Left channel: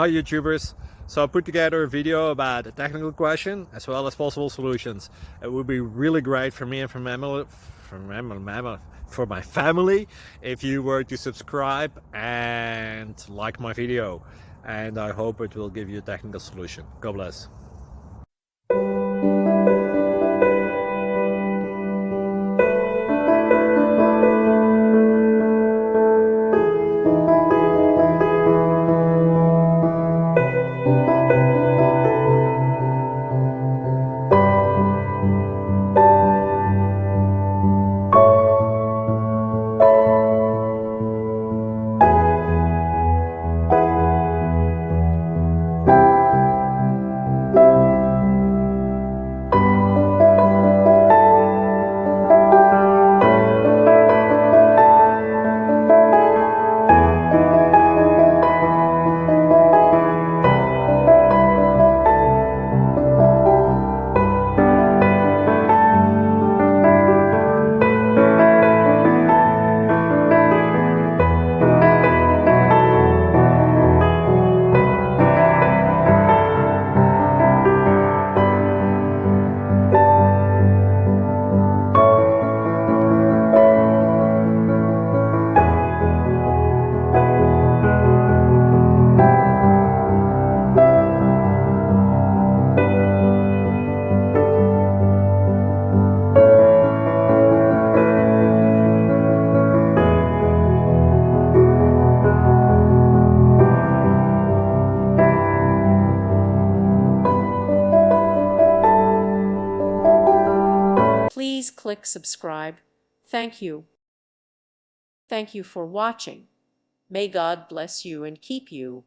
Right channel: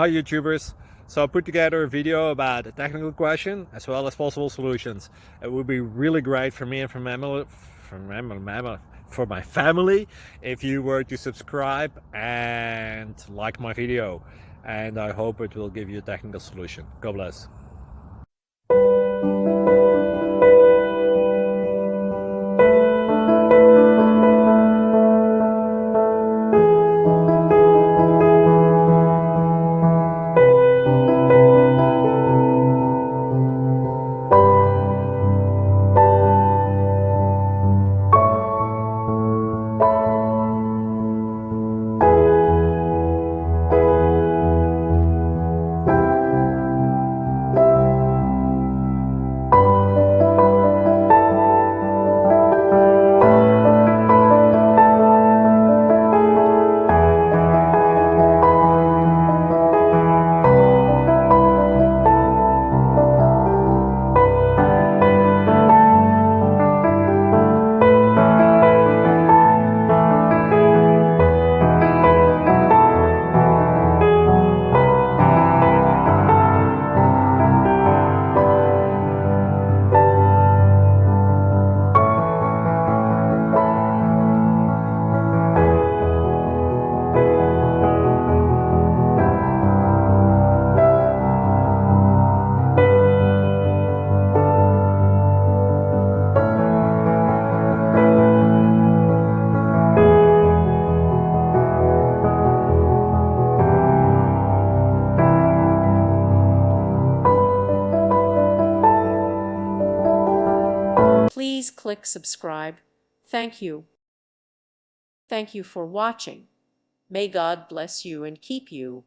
Hi YouTubers! So I put together a video about a technical question as well as possible solutions. It would be really great for me and for my family if you were to subscribe and like my video, and I hope it will give you a technical solution. God bless. Please click subscribe. Thank you. Thank you for watching. May God bless you and keep you.